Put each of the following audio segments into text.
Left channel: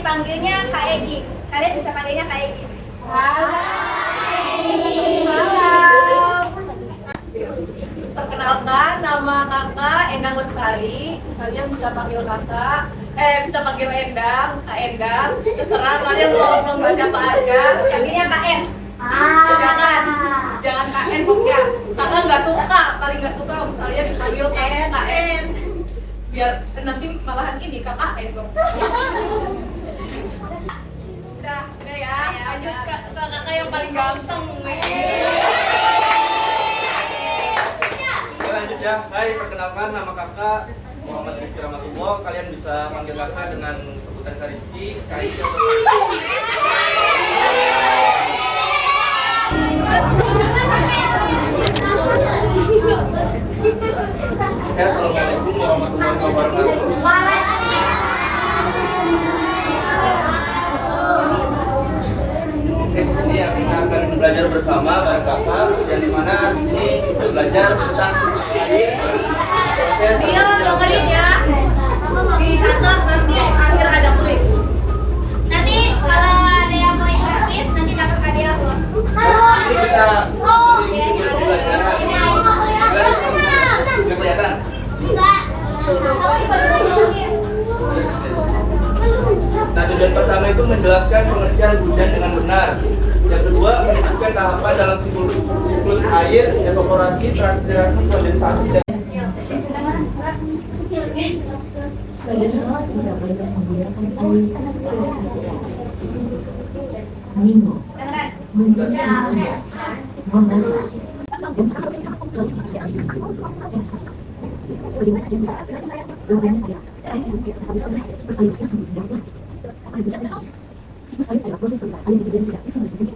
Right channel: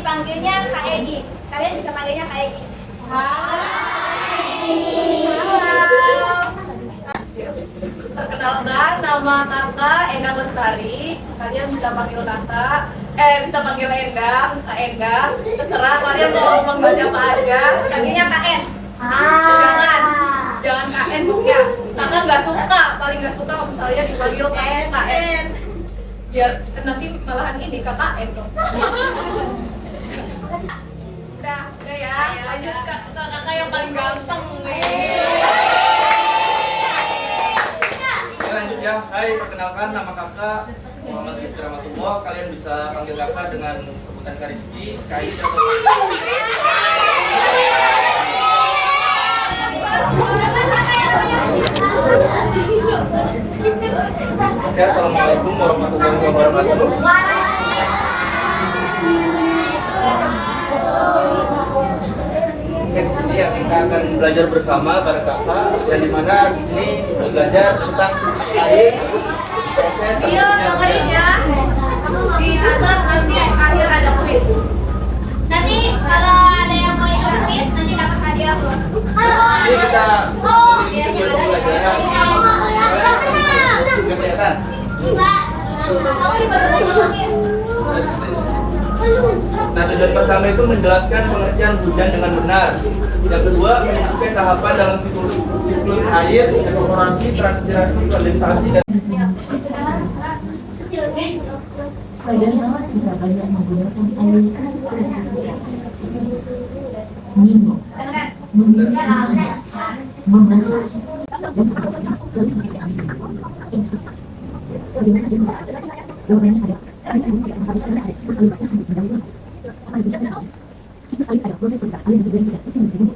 dipanggilnya Kak Egi. Kalian bisa panggilnya Kak Egi. Halo. Perkenalkan, nama kakak Endang Lestari. Kalian bisa panggil kakak, bisa panggil Endang, Kak Endang. Terserah kalian mau ngomong siapa aja. Panggilnya Kak En. Jangan Kak En pokoknya. Kakak nggak suka, paling nggak suka misalnya dipanggil Kak En. Biar nanti malahan ini Kak En dong. Udah ya. Lanjut ke kakak yang paling ganteng. Lanjut ya. Hai, perkenalkan nama kakak Muhammad Rizky Rahmatullah. Kalian bisa panggil kakak dengan sebutan Kak Rizky, Kak Rizky atau ya, assalamualaikum warahmatullahi wabarakatuh. Oke, di sini ya kita akan belajar bersama bareng kakak, dan di mana di sini kita belajar tentang air. Iya, dengerin ya. Dicatat nanti akhir ada kuis. Nanti kalau ada yang mau ikut kuis nanti dapat hadiah loh. Ini kita coba belajar. Nggak kelihatan? Nah, tujuan pertama itu menjelaskan pengertian hujan dengan benar. Yang kedua, menunjukkan tahapan dalam siklus air, evaporasi, transpirasi, kondensasi, dan Padahal tidak banyak menggunakan air minum, mencuci tangan, memasak, dan bagaimana aja bisa jawabannya adalah air yang kita habiskan ada siklus air yang sembuh sedang apa yang bisa siklus air adalah proses perintah air yang terjadi sejak kecil musim ini.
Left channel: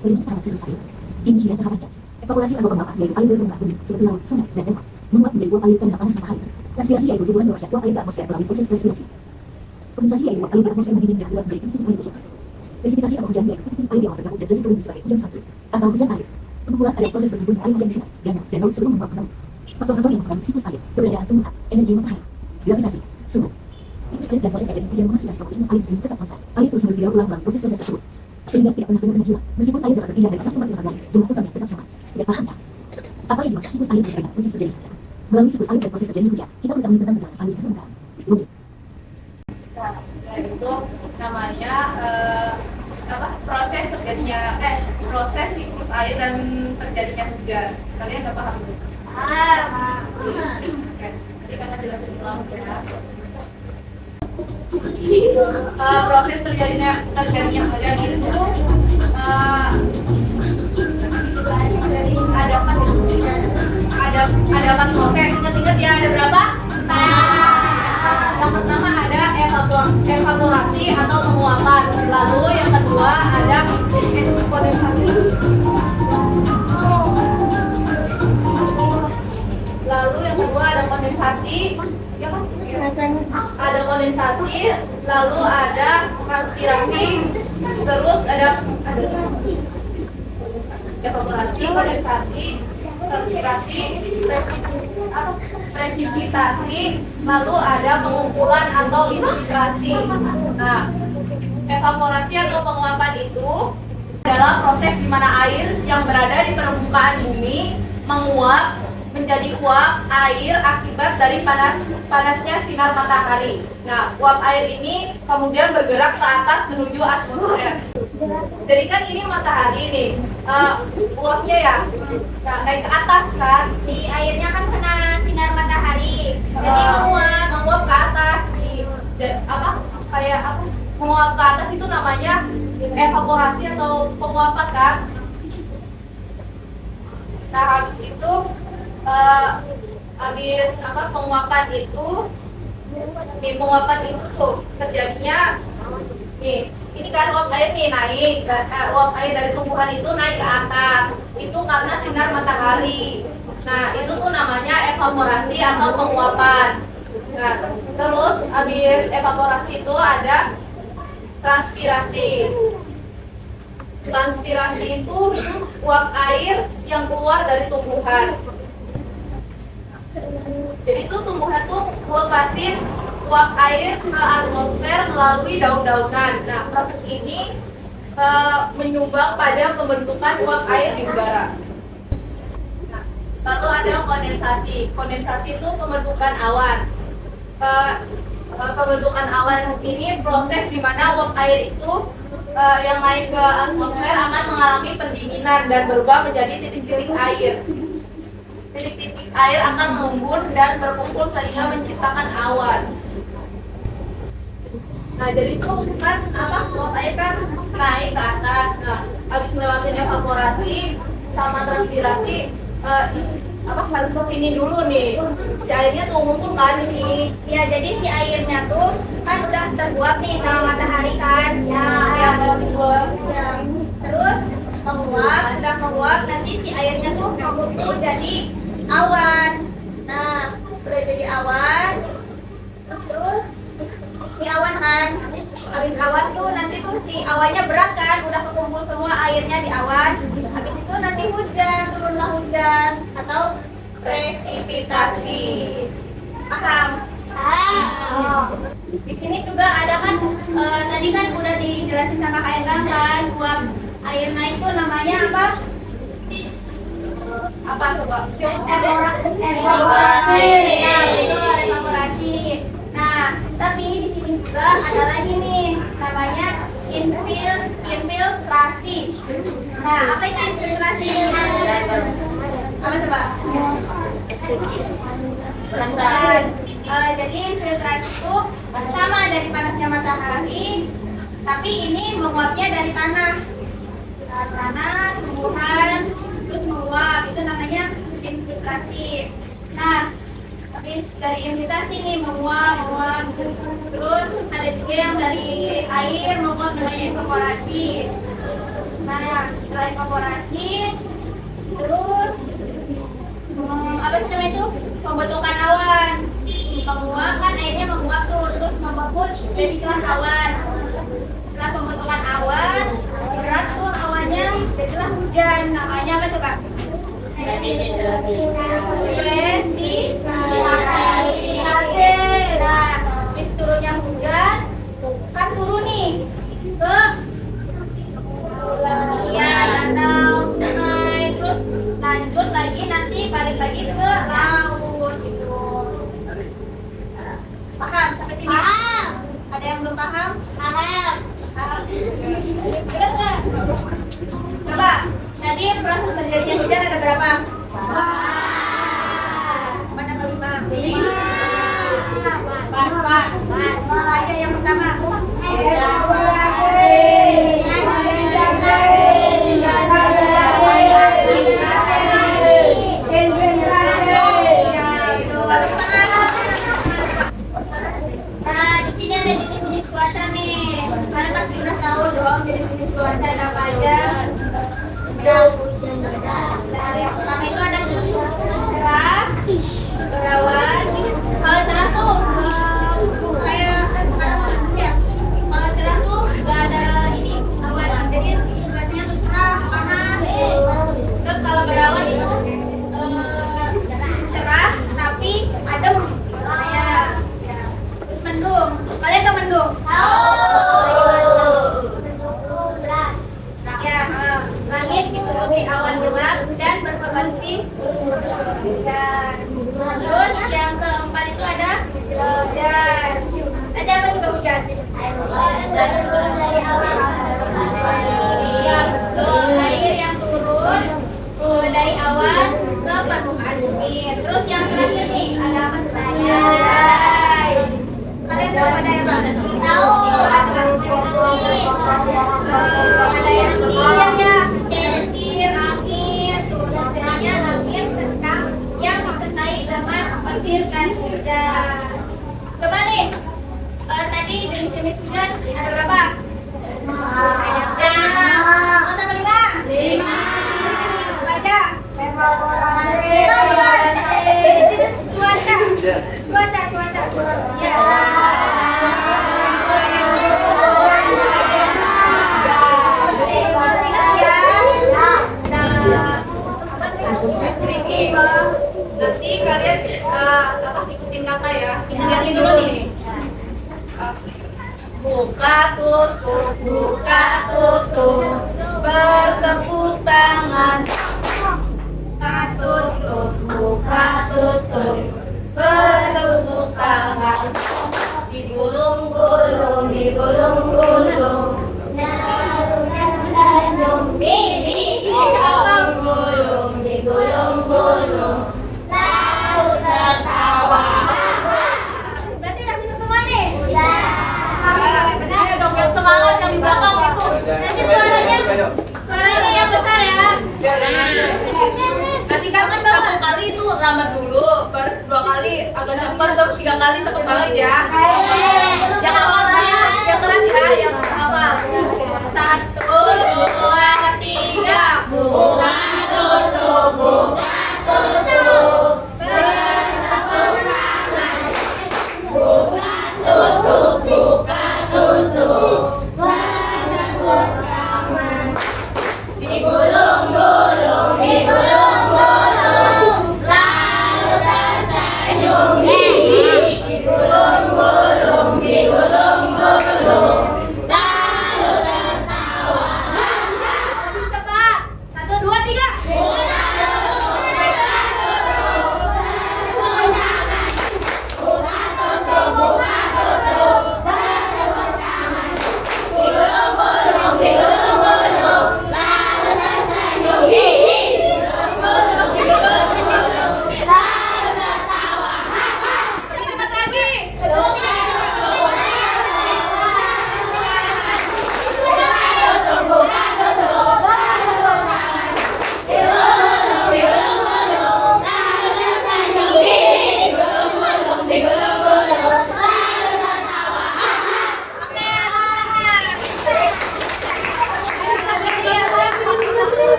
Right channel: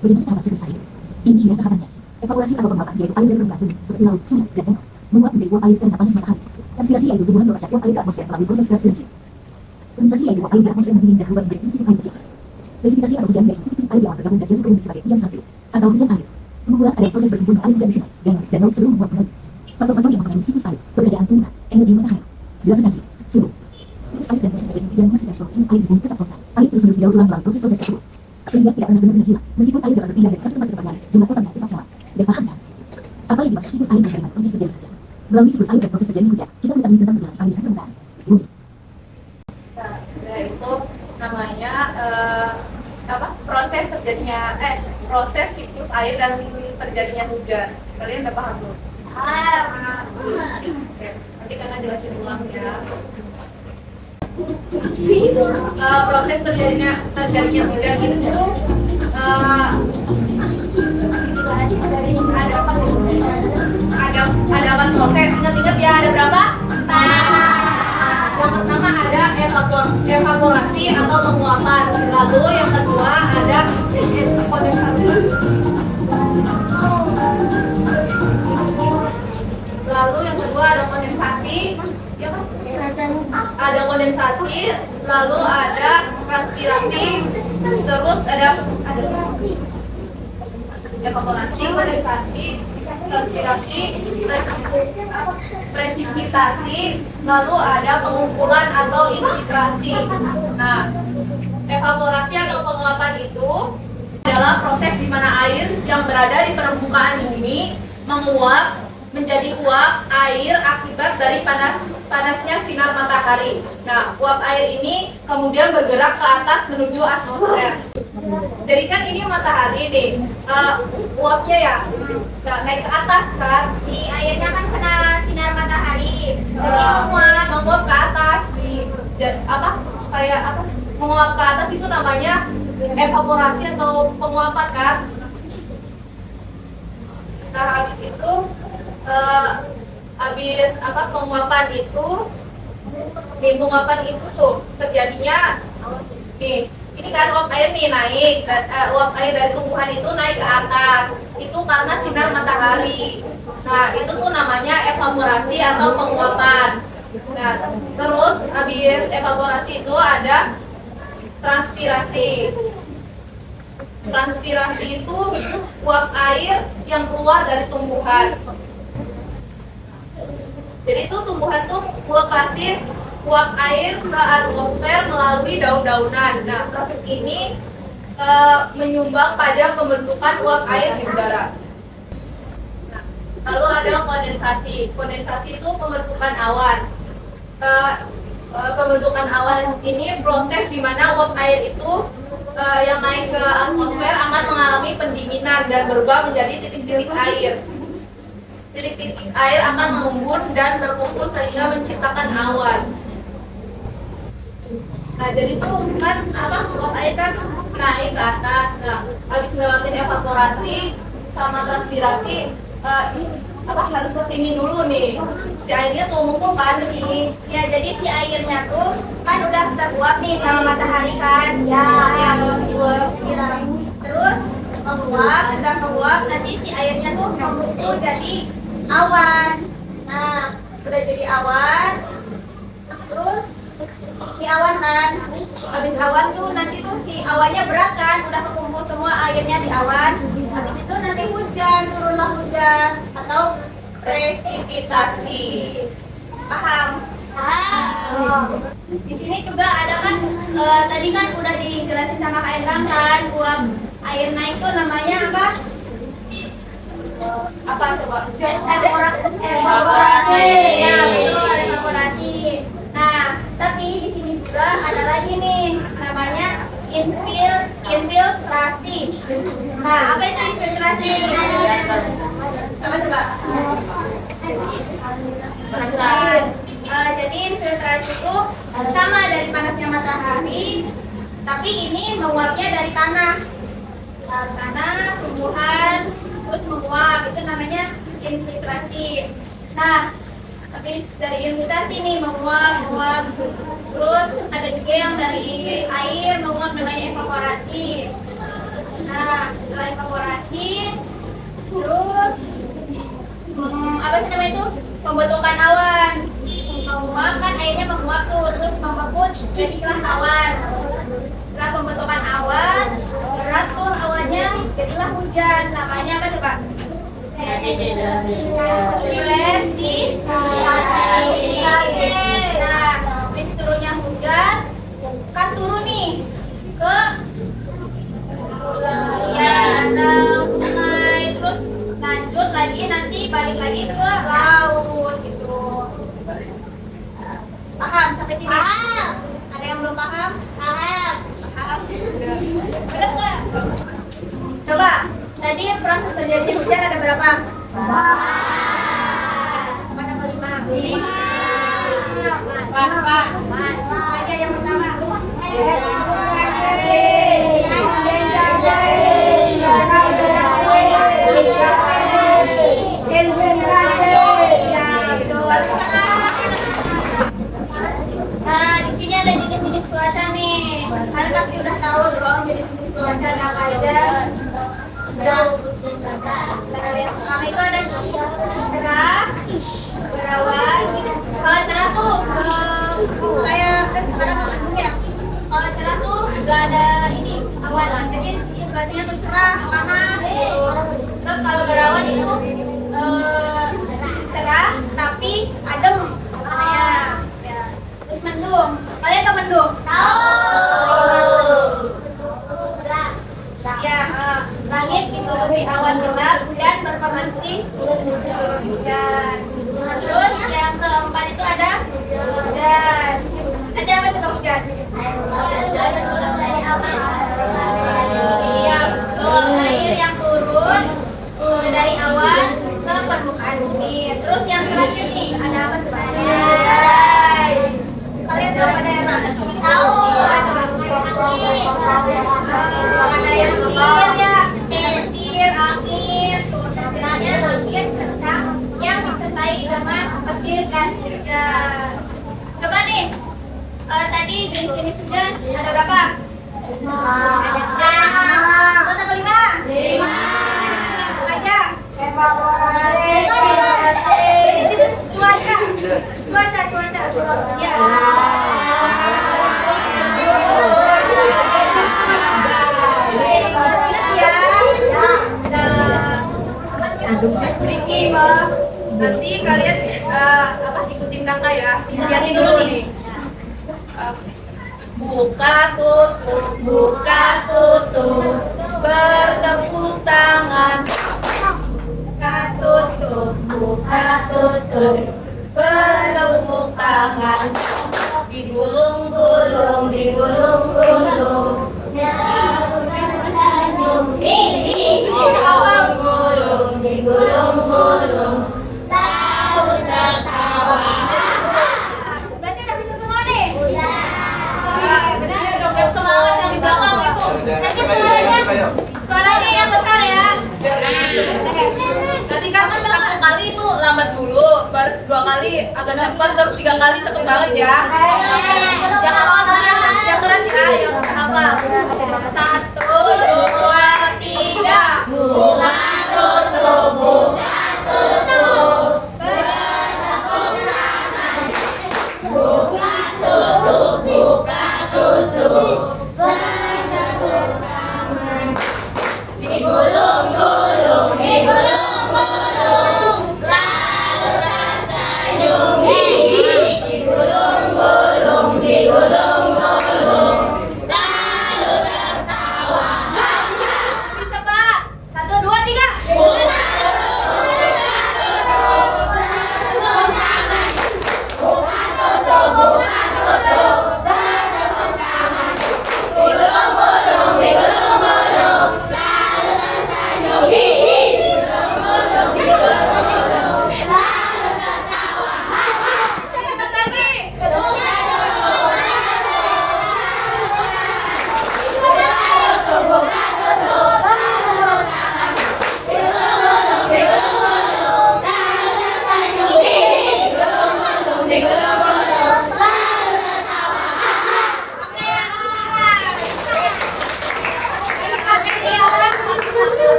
Bagaimana tahapan siklus air? Ini dia tahapannya. Evaporasi atau penguapan yaitu air dari permukaan bumi seperti laut, sungai, dan danau menguap menjadi uap air karena panas matahari. Transpirasi yaitu hubungan bawah uap air ke atmosfer melalui proses transpirasi. Kondensasi yaitu uap air di atmosfer mendingin dan keluar menjadi titik air kecil. Presipitasi atau hujan yaitu titik air yang bergabung dan jadi turun sebagai hujan salju atau hujan air. Kemudian ada proses berkumpulnya air hujan di sungai, danau, dan laut sebelum membuat laut. Faktor-faktor yang mempengaruhi siklus air, keberadaan tumbuhan, energi matahari, gravitasi, suhu. Siklus air dan proses terjadi hujan menghasilkan protein air di bumi ke atmosfer. Air terus menerus didaur ulang melalui proses-proses tersebut. Sehingga tidak pernah benar-benar hilang. Meskipun air dapat berpindah dari satu tempat ke tempat lain, jumlah totalnya tetap sama. Sudah paham kan? Apa yang dimaksud siklus air dengan proses terjadi hujan? Melalui siklus air dan proses terjadi hujan, kita mengetahui tentang perjalanan air di permukaan bumi. Nah, itu namanya proses siklus air dan terjadinya hujan. Kalian udah paham belum? Oke, nanti kakak jelasin ulang ya. Proses terjadinya hujan itu ada 4 proses. Ingat ya, ada berapa? Yang pertama ada evaporasi atau penguapan. Lalu yang kedua ada kondensasi. Lalu yang kedua ada kondensasi. Ya kan? Ada kondensasi, lalu ada transpirasi, terus ada evaporasi, kondensasi, transpirasi, presipitasi, lalu ada pengumpulan atau infiltrasi. Nah, evaporasi atau penguapan itu adalah proses di mana air yang berada di permukaan bumi menguap menjadi uap air akibat dari panasnya sinar matahari. Nah, uap air ini kemudian bergerak ke atas menuju atmosfer. Jadi kan ini matahari nih, uapnya ya, nah, naik ke atas kan, Si airnya kan kena sinar matahari. Jadi menguap ke atas menguap ke atas itu namanya evaporasi atau penguapan kan. Nah, habis itu penguapan itu tuh terjadinya nih, ini kan uap air nih naik, uap air dari tumbuhan itu naik ke atas, itu karena sinar matahari. Nah, itu tuh namanya evaporasi atau penguapan. Nah, terus habis evaporasi itu ada transpirasi. Transpirasi itu uap air yang keluar dari tumbuhan. Jadi itu tumbuhan tuh melepasin uap air ke atmosfer melalui daun-daunan. Nah, proses ini menyumbang pada pembentukan uap air di udara. Nah, lalu ada kondensasi. Kondensasi itu pembentukan awan. Pembentukan awan ini proses di mana uap air itu yang naik ke atmosfer akan mengalami pendinginan dan berubah menjadi titik-titik air. Titik-titik air akan mengembun dan berkumpul sehingga menciptakan awan. Nah, jadi tuh kan uap air kan naik ke atas. Nah, habis ngelewatin evaporasi sama transpirasi harus kesini dulu nih. Si airnya tuh mengumpul kan sih. Ya, jadi si airnya tuh kan udah teruap nih sama matahari kan. Ya, terus menguap, nanti si airnya tuh membentuk jadi awan. Nah, udah jadi awan, terus si awan kan, habis awan tuh nanti tuh si awannya berat kan, udah kekumpul semua airnya di awan. Habis itu nanti hujan, turunlah hujan atau presipitasi. Paham? Di sini juga ada kan, tadi kan udah dijelasin sama Kak Endang kan, uap air naik tuh namanya apa? Apa coba? Evaporasi. Ya, betul, evaporasi. Nah, tapi di sini juga ada lagi nih, namanya infiltrasi. Nah, apa itu infiltrasi? Apa coba? Jadi infiltrasi itu sama dari panasnya matahari, tapi ini menguapnya dari tanah. Tanah, tumbuhan, terus menguap, itu namanya infiltrasi. Nah, habis dari infiltrasi nih menguap, terus ada juga yang dari air menguap namanya evaporasi. Nah, setelah evaporasi, terus apa sih namanya itu? Pembentukan awan. Menguap kan airnya menguap tuh, terus membeku jadilah awan. Setelah pembentukan awan, berat tuh awannya, jadilah hujan. Namanya apa coba? Presipitasi. Nah, habis turunnya hujan, kan turun nih ke danau, sungai, terus lanjut lagi nanti balik lagi ke laut gitu. Paham sampai sini? Paham. Ada yang belum paham? Paham. Benar nggak? Coba, tadi proses terjadinya hujan ada berapa? 4. Mana yang kelima? 5. Aja yang pertama. Nah, di sini ada jenis-jenis cuaca nih. Kalian pasti udah tahu dong jenis-jenis cuaca apa aja. Udah. Nah, yang pertama itu ada cerah, berawan. Kalau cerah tuh kayak sekarang mau ya. Kalau cerah tuh nggak ada ini awan, jadi cuacanya tuh cerah, panas. Terus kalau berawan itu cerah tapi adem. Ya. Terus mendung. Kalian tahu mendung? Ya, langit ditutupi awan gelap dan berpotensi hujan. Terus yang keempat itu ada hujan. Ada apa coba hujan? Turun dari awan. Iya, betul. Air yang turun dari awan ke permukaan bumi. Terus yang terakhir nih ada apa sebenarnya? Kalian tahu ada yang mana? Tahu. Ada yang petir ya, petir, angin, tuh namanya angin kencang yang disertai dengan petir dan hujan. Coba nih, tadi jenis-jenis hujan ada berapa? 5. Kota kelima? 5. Aja. Jenis cuaca. Ya. Nanti kalian ikutin kakak ya, lihatin dulu nih. buka tutup, bertepuk tangan. Buka tutup, bertepuk tangan. Digulung-gulung, digulung-gulung. Digulung-gulung, digulung-gulung. Laut tertawa. Berarti udah bisa semua nih? Benar ya dong, yang semangat yang di belakang itu. Nanti suaranya yang besar ya. Nanti kan satu kali itu lambat dulu, baru 2 kali agak cepat, terus 3 kali cepet banget ya. Yang awal yang keras ya, yang awal. 1, 2, 3. Buka tutup, buka tutup. Bertepuk tangan. Buka tutup, buka tutup. Bertepuk tangan. Digulung-gulung, digulung-gulung. Lalu tersenyum. Digulung-gulung, digulung-gulung. Lalu tertawa. Lebih cepat. 1, 2, 3. Digulung-gulung, digulung-gulung. Lalu tersenyum. Digulung-gulung, digulung-gulung. Lalu tertawa.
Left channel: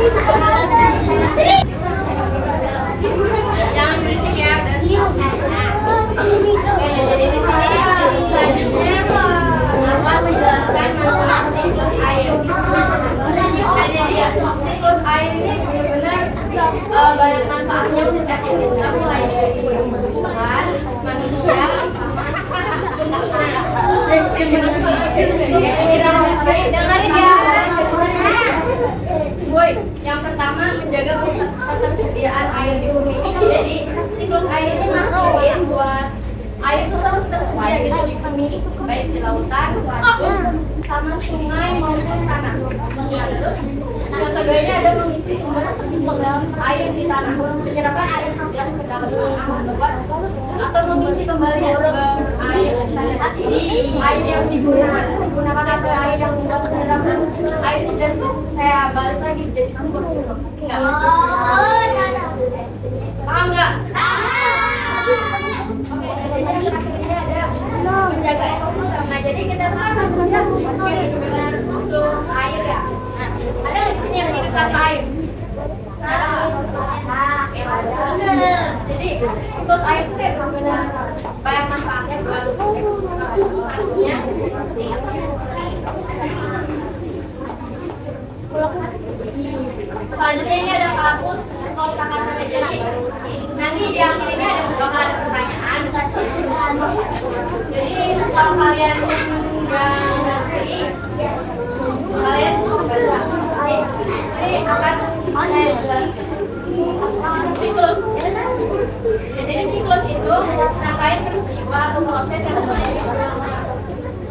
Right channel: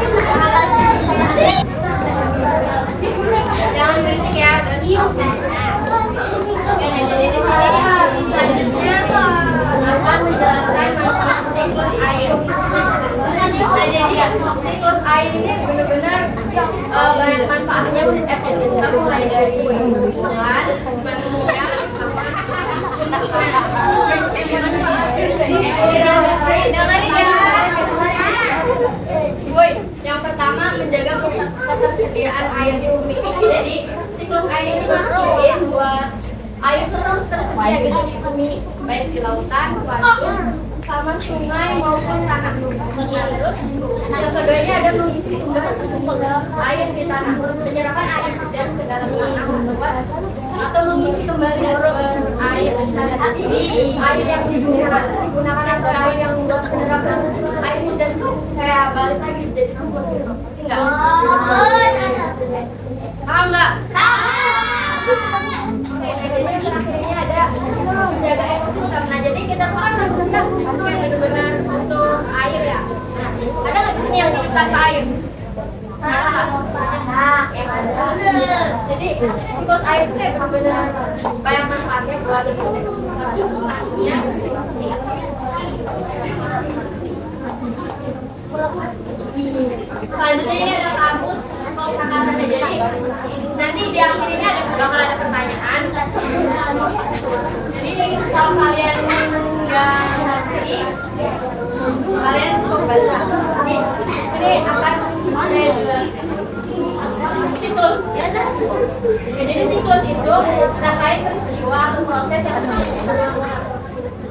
Cepat lagi. Jangan berisik ya, dan oke, jadi di sini selanjutnya akan menjelaskan manfaat siklus air. Nah, jadi ya, siklus air ini benar-benar banyak manfaatnya untuk ekosistem, mulai dari tumbuhan, manusia, sama Boy, yang pertama menjaga ketersediaan air di bumi. Jadi siklus air ini mastiin buat air itu terus tersedia gitu di bumi, baik di lautan, waduk, sama sungai maupun tanah. Nah, terus yang kedua ini ada mengisi sumber air di tanah, menyerapkan air hujan ke dalam tanah membuat atau mengisi kembali sumber air air yang digunakan atau air yang buat menyerap air hujan tuh kayak balik lagi jadi sumber gitu. Enggak? Paham nggak? Oke, jadi yang terakhir ini ada menjaga ekosistem. Nah, jadi kita harus benar-benar untuk air ya. Nah, ada nggak di sini yang hidup tanpa air? Ada. Jadi siklus air itu kayak benar-benar banyak manfaatnya buat ekosistemnya. Selanjutnya ini ada kamus kosakata. Jadi nanti di akhir ini bakal ada pertanyaan. Jadi kalau kalian nggak ngerti, kalian kembali lagi. Ini akan ada siklus. Jadi siklus itu rangkaian peristiwa atau proses yang terjadi.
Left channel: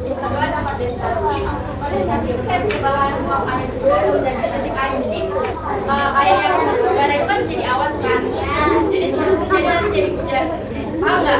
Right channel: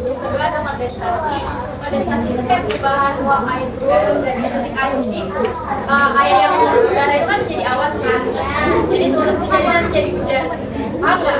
Kedua ada kondensasi. Kondensasi itu kayak perubahan uap air udara dan ketika air air yang udara itu kan jadi awan kan. Jadi turun hujan nanti jadi hujan. Paham nggak?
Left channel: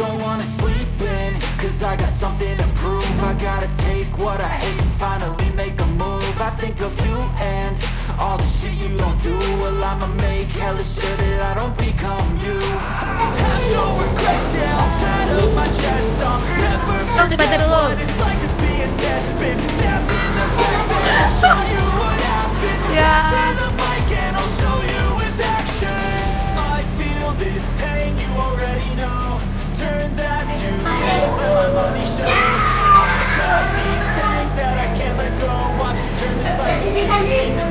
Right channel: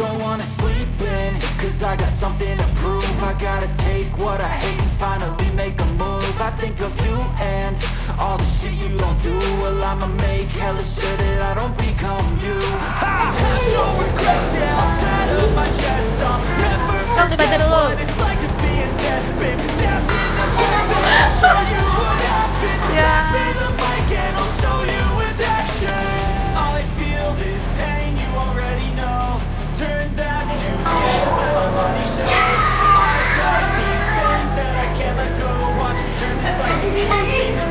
Don't wanna sleep in, cause I got something to prove. I gotta take what I hate and finally make a move. I think of you and all the shit you don't do. Well, I'ma make hella sure that I don't become you. I have no regrets, yeah, I'm tired of my chest. I'll never forget what it's like to be in debt. Been stabbed in the back, then I'll show you what happens. Pass me the mic and I'll show you with action. I feel this pain, you already know. Turn that to gas, let my money show. I've got these things the end.